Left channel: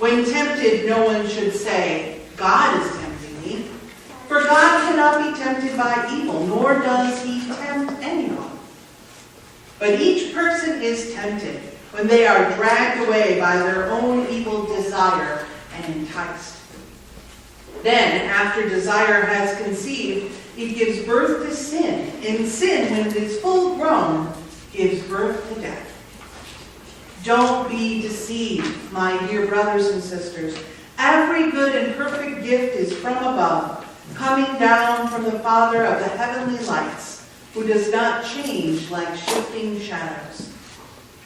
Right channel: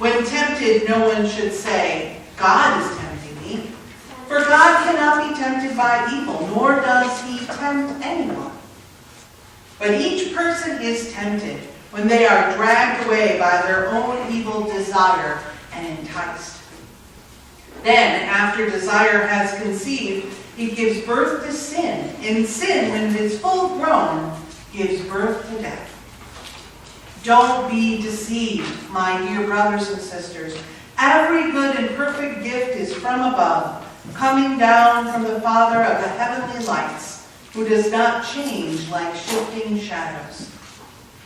When tempted, no one should say, God is tempting me. For God cannot be tempted by evil, nor does he tempt anyone. But each person is tempted when they are dragged away by their own evil desire and enticed. Then, after desire has conceived, it gives birth to sin. And sin, when it is full grown, gives birth to death. Don't be deceived, my dear brothers and sisters. Every good and perfect gift is from above, coming down from the Father of the heavenly lights, who does not change like shifting shadows.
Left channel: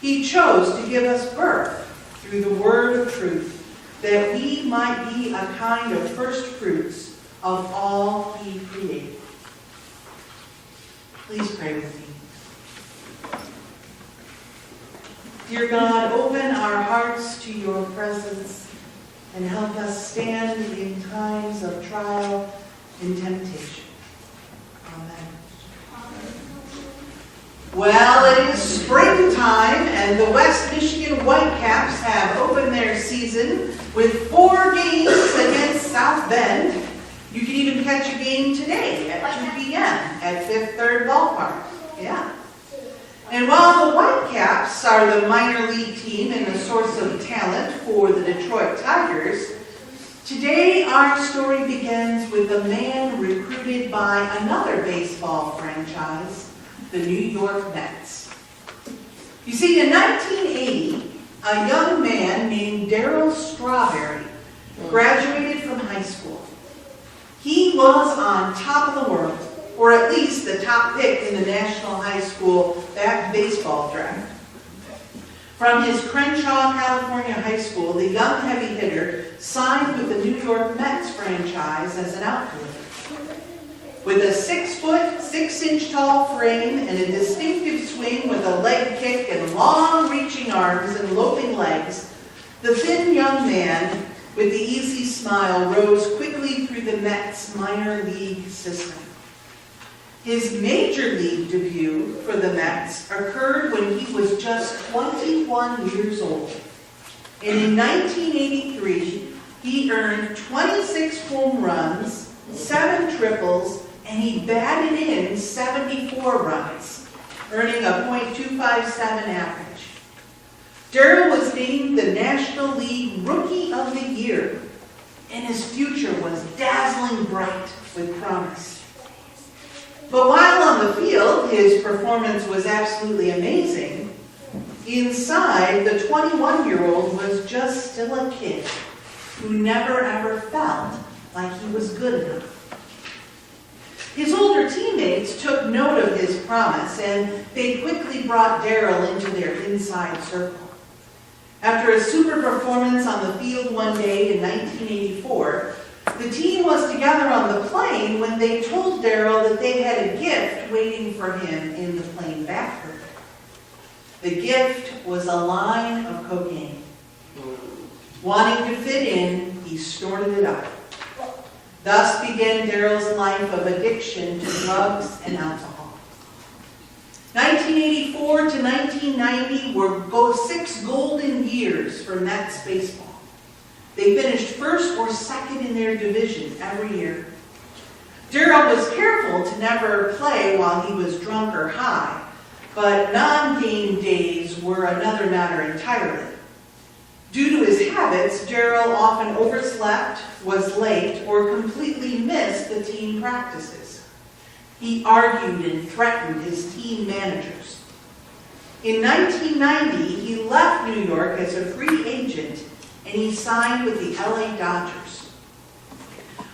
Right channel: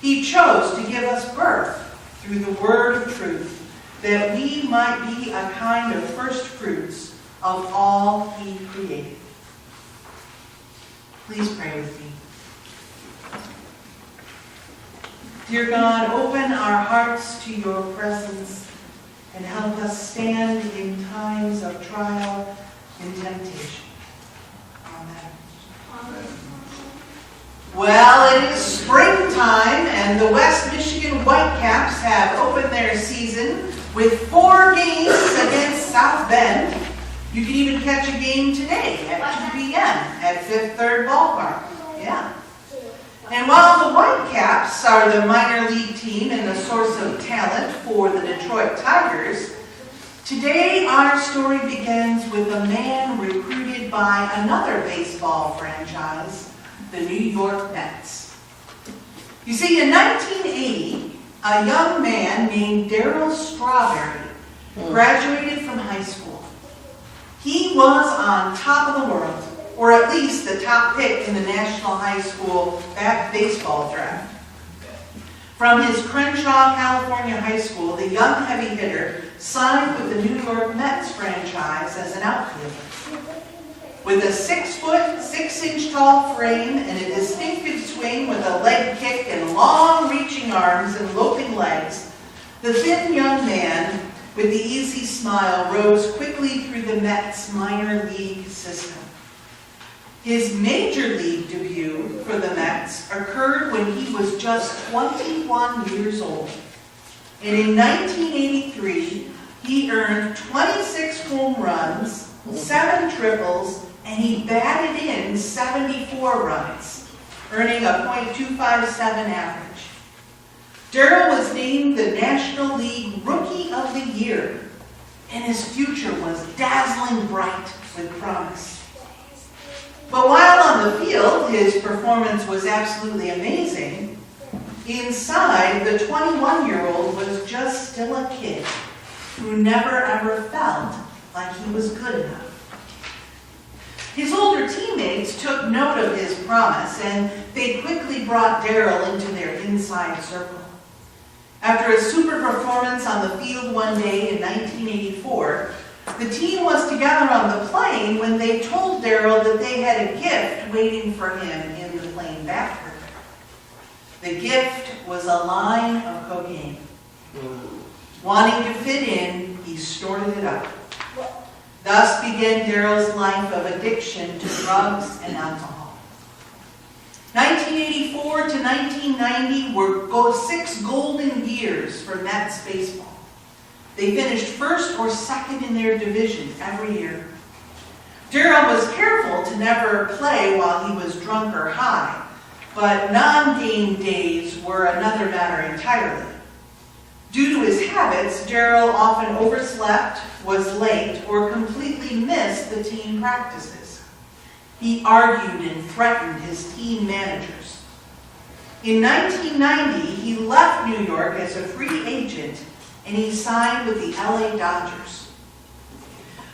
He chose to give us birth through the word of truth, that we might be a kind of first fruits of all he created. Please pray with me. Dear God, open our hearts to your presence and help us stand in times of trial and temptation. Amen. Well, it is springtime, and the West Michigan Whitecaps have opened their season with 4 games against South Bend. You can even catch a game today at 2 p.m. at Fifth Third Ballpark. Yeah. And while the Whitecaps are the minor league team and a source of talent for the Detroit Tigers, today our story begins with a man recruited by another baseball franchise, the New York Mets. You see, in 1980, a young man named Darryl Strawberry graduated from high school. He was on top of the world, or at least the top pick in the National High School baseball draft. From his Crenshaw, California high school, the young heavy hitter signed with the New York Mets franchise as an outfielder. With a 6-foot, 6-inch tall frame and a distinctive swing with a leg kick and long-reaching arms and loping legs, the thin young man with the easy smile rose quickly through the Mets minor league system. His major league debut for the Mets occurred when he was just 21 years old. And in 1983, he earned 26 home runs, 7 triples, and he batted in 74 runs, earning a .257 average. Darryl was named the National League Rookie of the Year, and his future was dazzling bright with promise. But while on the field, his performance was absolutely amazing, inside, the 21-year-old was just still a kid who never ever felt like he was good enough. His older teammates took note of his promise, and they quickly brought Darryl into their inside circle. After a super performance on the field one day in 1984, the team was together on the plane when they told Darryl that they had a gift waiting for him in the plane bathroom. The gift was a line of cocaine. Wanting to fit in, he snorted it up. Thus began Darryl's life of addiction to drugs and alcohol. 1984 to 1990 were 6 golden years for Mets baseball. They finished first or second in their division every year. Darryl was careful to never play while he was drunk or high, but non-game days were another matter entirely. Due to his habits, Darryl often overslept, was late, or completely missed the team practices. He argued and threatened his team managers. In 1990, he left New York as a free agent, and he signed with the LA Dodgers.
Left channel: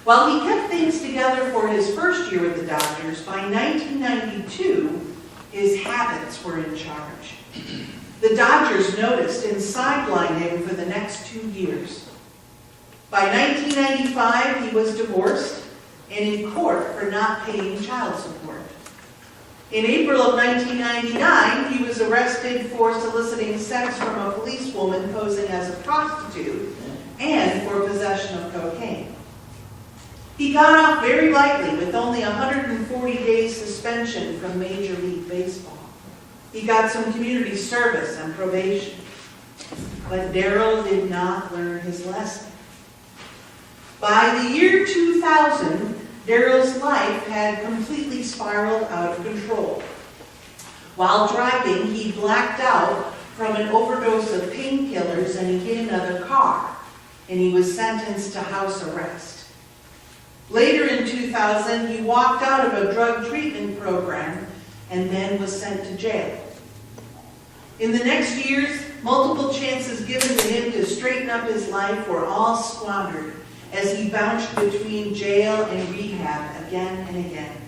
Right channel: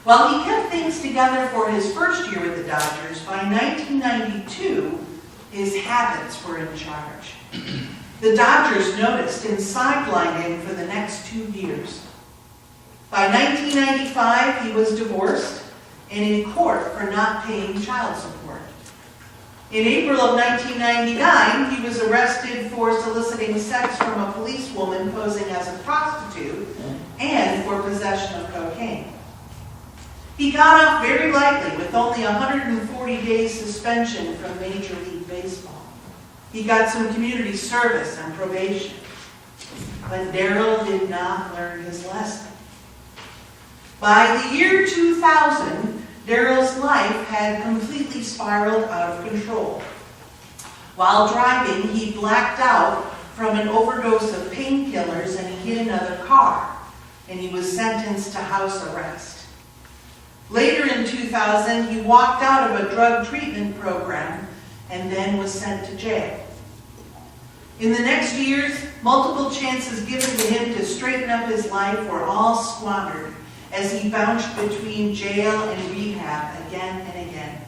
While he kept things together for his first year with the Dodgers, by 1992, his habits were in charge. The Dodgers noticed and sidelined him for the next 2 years. By 1995, he was divorced and in court for not paying child support. In April of 1999, he was arrested for soliciting sex from a policewoman posing as a prostitute and for possession of cocaine. He got off very lightly with only a 140 days suspension from Major League Baseball. He got some community service and probation. But Daryl did not learn his lesson. By the year 2000, Daryl's life had completely spiraled out of control. While driving, he blacked out from an overdose of painkillers and he hit another car, and he was sentenced to house arrest. Later in 2000, he walked out of a drug treatment program and then was sent to jail. In the next years, multiple chances given to him to straighten up his life were all squandered as he bounced between jail and rehab again and again.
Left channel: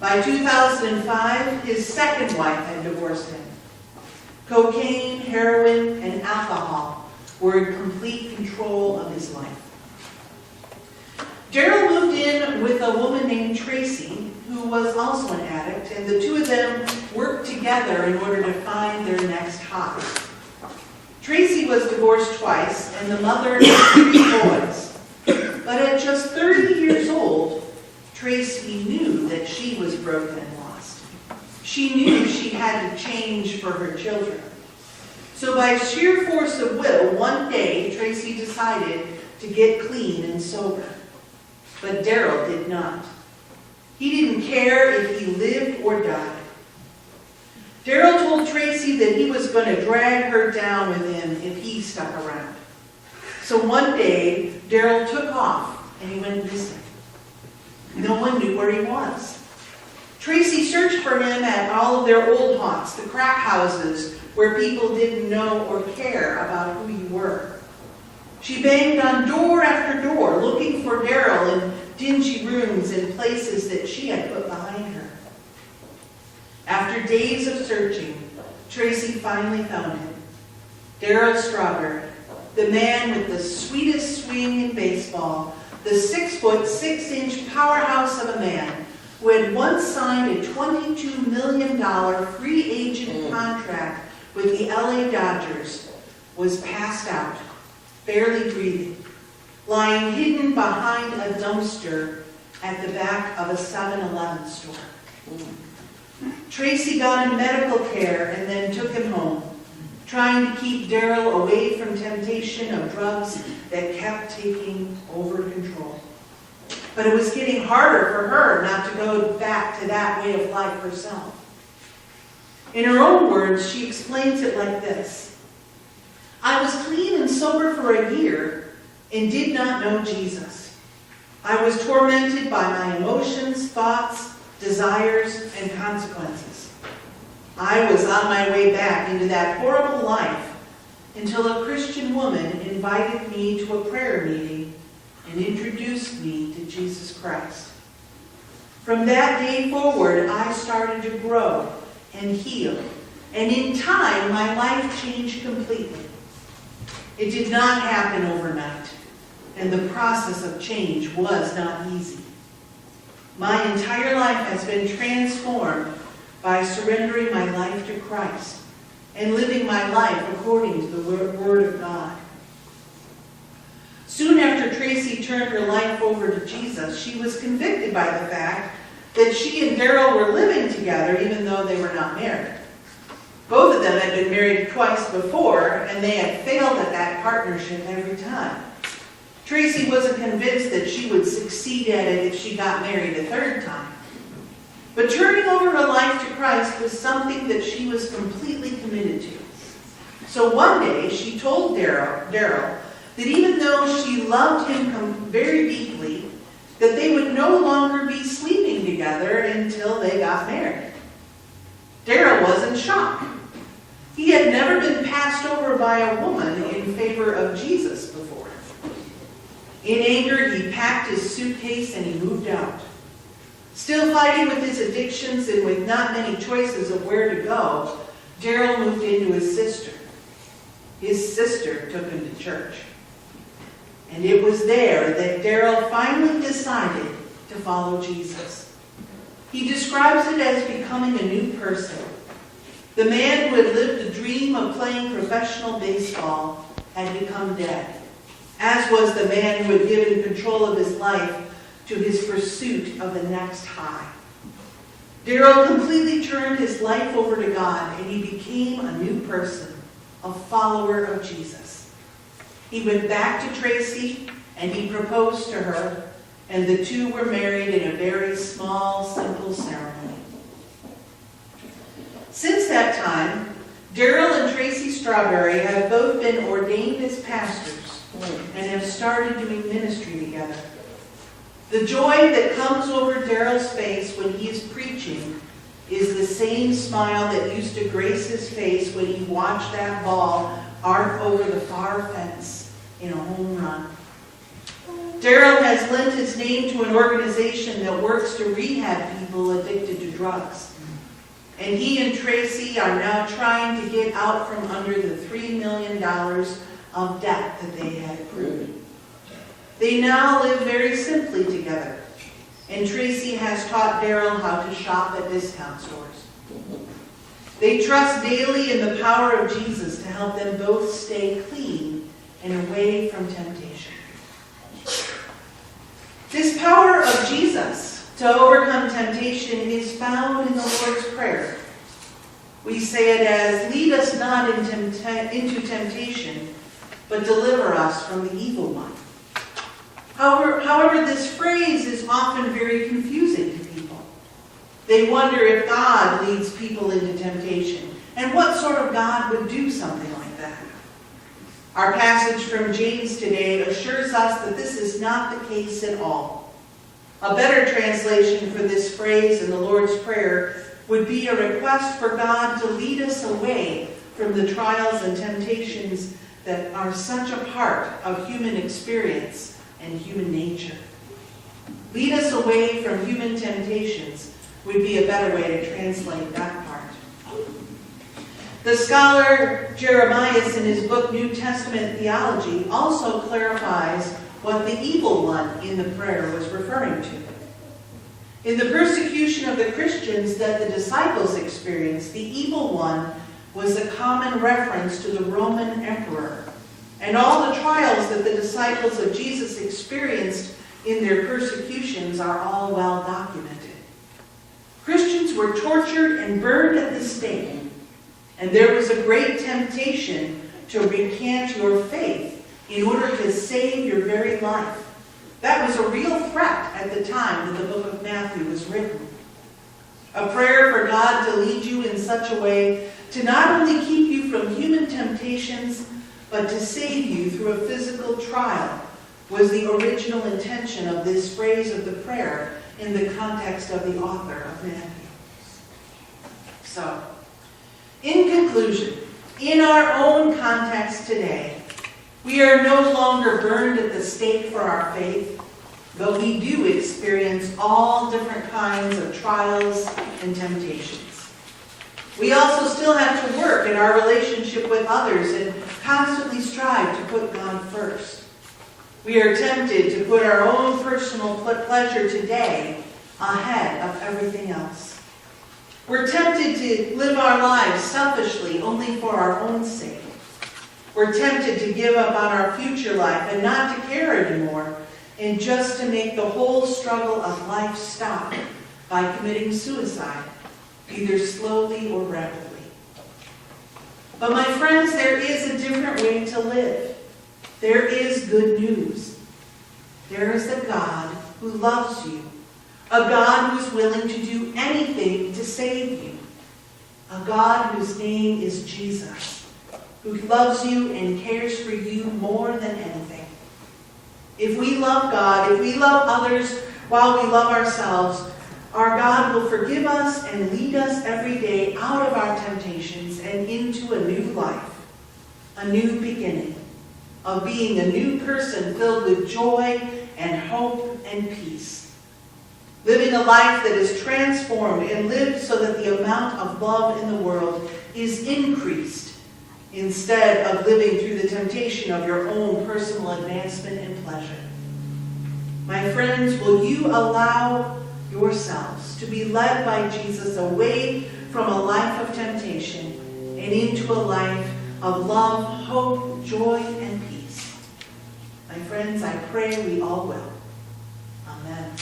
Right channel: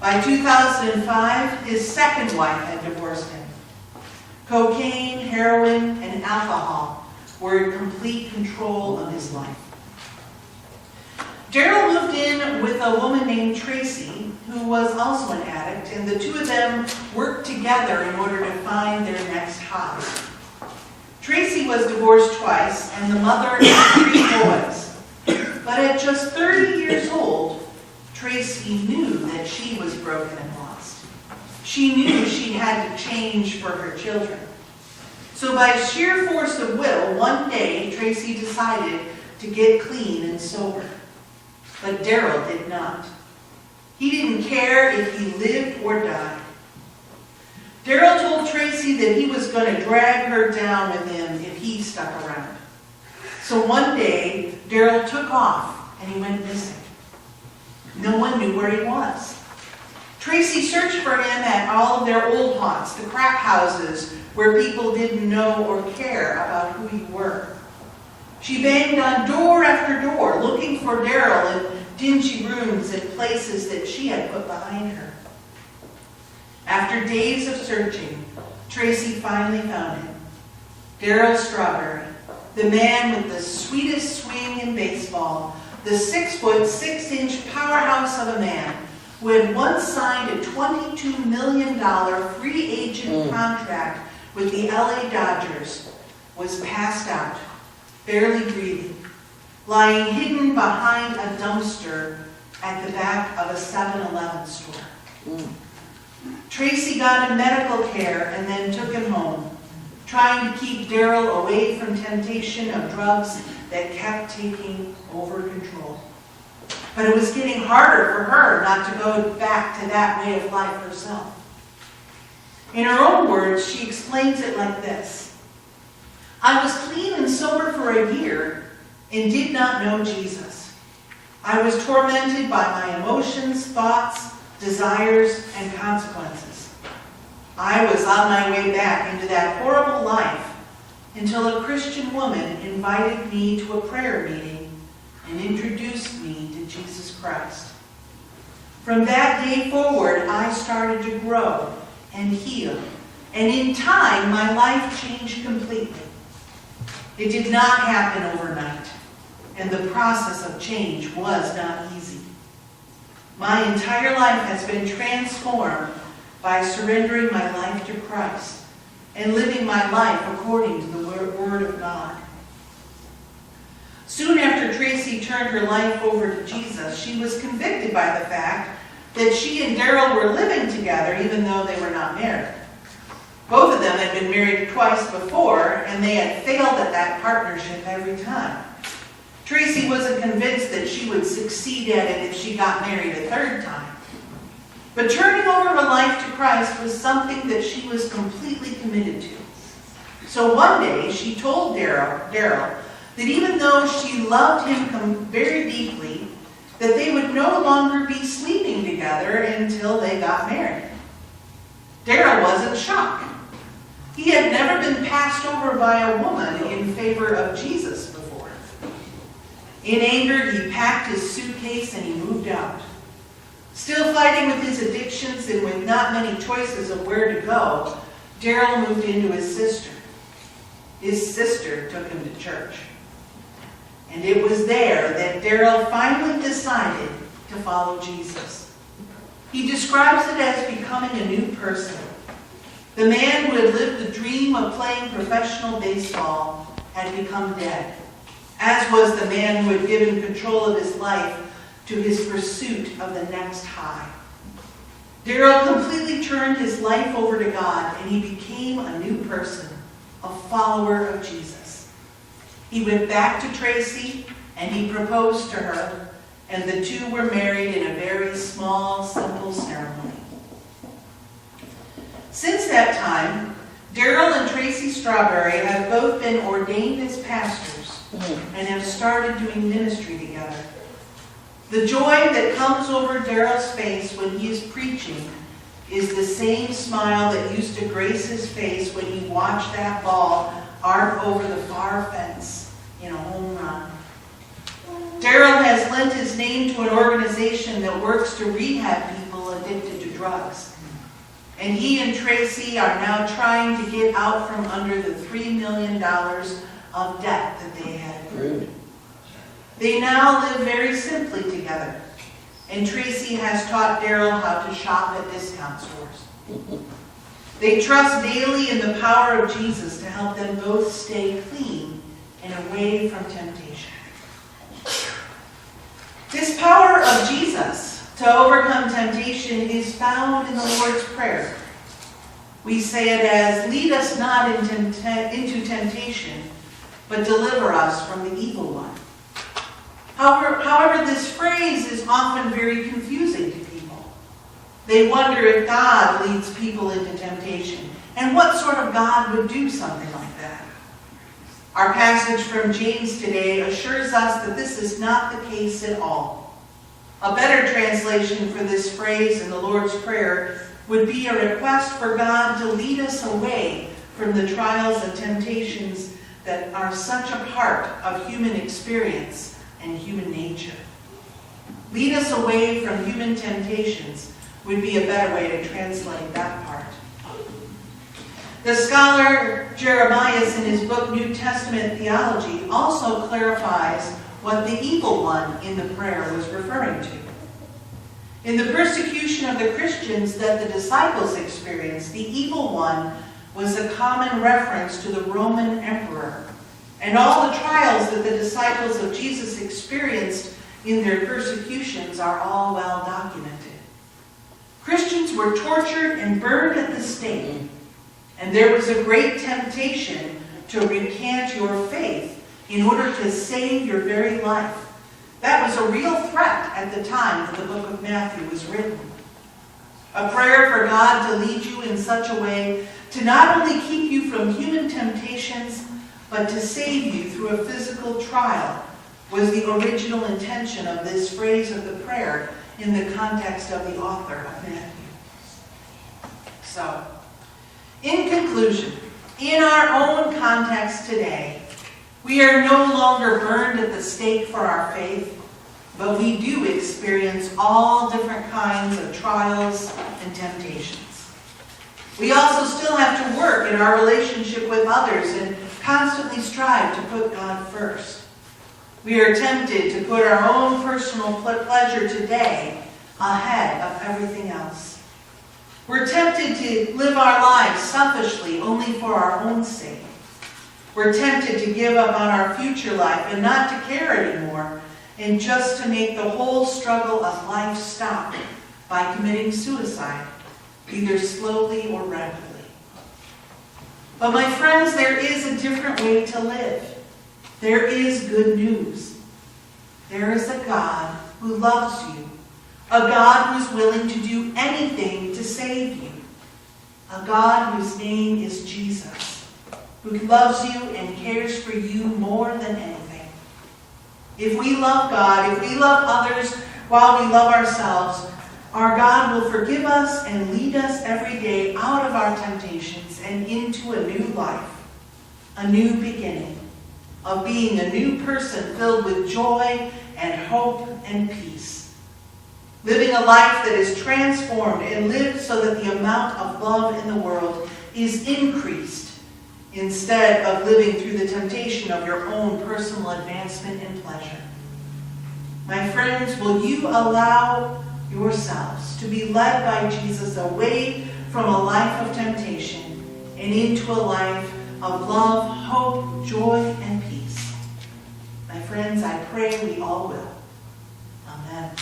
By 2005, his second wife had divorced him. Cocaine, heroin, and alcohol were in complete control of his life. Daryl moved in with a woman named Tracy, who was also an addict, and the two of them worked together in order to find their next high. Tracy was divorced twice and the mother of 3 boys. But at just 30 years old, Tracy knew that she was broken and lost. She knew she had to change for her children. So by sheer force of will, one day Tracy decided to get clean and sober. But Daryl did not. He didn't care if he lived or died. Daryl told Tracy that he was going to drag her down with him if he stuck around. So one day, Daryl took off and he went missing. No one knew where he was. Tracy searched for him at all of their old haunts, the crack houses where people didn't know or care about who you were. She banged on door after door, looking for Daryl in dingy rooms and places that she had put behind her. After days of searching, Tracy finally found him. Daryl Strawberry, the man with the sweetest swing in baseball, the 6-foot, 6-inch powerhouse of a man who had once signed a $22 million free agent contract with the LA Dodgers, was passed out, barely breathing, lying hidden behind a dumpster at the back of a 7-Eleven store. Tracy got him medical care and then took him home, trying to keep Daryl away from temptation of drugs that kept taking over control. But it was getting harder for her not to go back to that way of life herself. In her own words, she explains it like this: I was clean and sober for a year and did not know Jesus. I was tormented by my emotions, thoughts, desires, and consequences. I was on my way back into that horrible life until a Christian woman invited me to a prayer meeting and introduced me to Jesus Christ. From that day forward, I started to grow and heal, and in time, my life changed completely. It did not happen overnight, and the process of change was not easy. My entire life has been transformed by surrendering my life to Christ and living my life according to the Word of God. Soon after Tracy turned her life over to Jesus, she was convicted by the fact that she and Daryl were living together even though they were not married. Both of them had been married twice before, and they had failed at that partnership every time. Tracy wasn't convinced that she would succeed at it if she got married a third time. But turning over her life to Christ was something that she was completely committed to. So one day, she told Daryl that even though she loved him very deeply, that they would no longer be sleeping together until they got married. Daryl was in shock. He had never been passed over by a woman in favor of Jesus before. In anger, he packed his suitcase and he moved out. Still fighting with his addictions and with not many choices of where to go, Daryl moved into his sister. His sister took him to church. And it was there that Daryl finally decided to follow Jesus. He describes it as becoming a new person. The man who had lived the dream of playing professional baseball had become dead, as was the man who had given control of his life to his pursuit of the next high. Daryl completely turned his life over to God, and he became a new person. a follower of Jesus. He went back to Tracy and he proposed to her, and the two were married in a very small, simple ceremony. Since that time, Daryl and Tracy Strawberry have both been ordained as pastors and have started doing ministry together. The joy that comes over Daryl's face when he is preaching is the same smile that used to grace his face when he watched that ball arc over the far fence in a home run. Daryl has lent his name to an organization that works to rehab people addicted to drugs. And he and Tracy are now trying to get out from under the $3 million of debt that they had accrued. They now live very simply together, and Tracy has taught Daryl how to shop at discount stores. They trust daily in the power of Jesus to help them both stay clean and away from temptation. This power of Jesus to overcome temptation is found in the Lord's Prayer. We say it as, "Lead us not into temptation, but deliver us from the evil one." However, this phrase is often very confusing to people. They wonder if God leads people into temptation, and what sort of God would do something like that. Our passage from James today assures us that this is not the case at all. A better translation for this phrase in the Lord's Prayer would be a request for God to lead us away from the trials and temptations that are such a part of human experience and human nature. Lead us away from human temptations would be a better way to translate that part. The scholar Jeremias, in his book New Testament Theology, also clarifies what the evil one in the prayer was referring to. In the persecution of the Christians that the disciples experienced, the evil one was a common reference to the Roman emperor, and all the trials that the disciples of Jesus experienced in their persecutions are all well documented. Christians were tortured and burned at the stake, and there was a great temptation to recant your faith in order to save your very life. That was a real threat at the time that the book of Matthew was written. A prayer for God to lead you in such a way to not only keep you from human temptations, but to save you through a physical trial was the original intention of this phrase of the prayer in the context of the author of Matthew. So, in conclusion, in our own context today, we are no longer burned at the stake for our faith, but we do experience all different kinds of trials and temptations. We also still have to work in our relationship with others and constantly strive to put God first. We are tempted to put our own personal pleasure today ahead of everything else. We're tempted to live our lives selfishly only for our own sake. We're tempted to give up on our future life and not to care anymore, and just to make the whole struggle of life stop by committing suicide, either slowly or rapidly. But my friends, there is a different way to live. There is good news. There is a God who loves you, a God who's willing to do anything to save you, a God whose name is Jesus, who loves you and cares for you more than anything. If we love God, if we love others while we love ourselves, our God will forgive us and lead us every day out of our temptations and into a new life, a new beginning of being a new person filled with joy and hope and peace. Living a life that is transformed and lived so that the amount of love in the world is increased instead of living through the temptation of your own personal advancement and pleasure. My friends, will you allow yourselves to be led by Jesus away from a life of temptation and into a life of love, hope, joy, and peace? My friends, I pray we all will. Amen.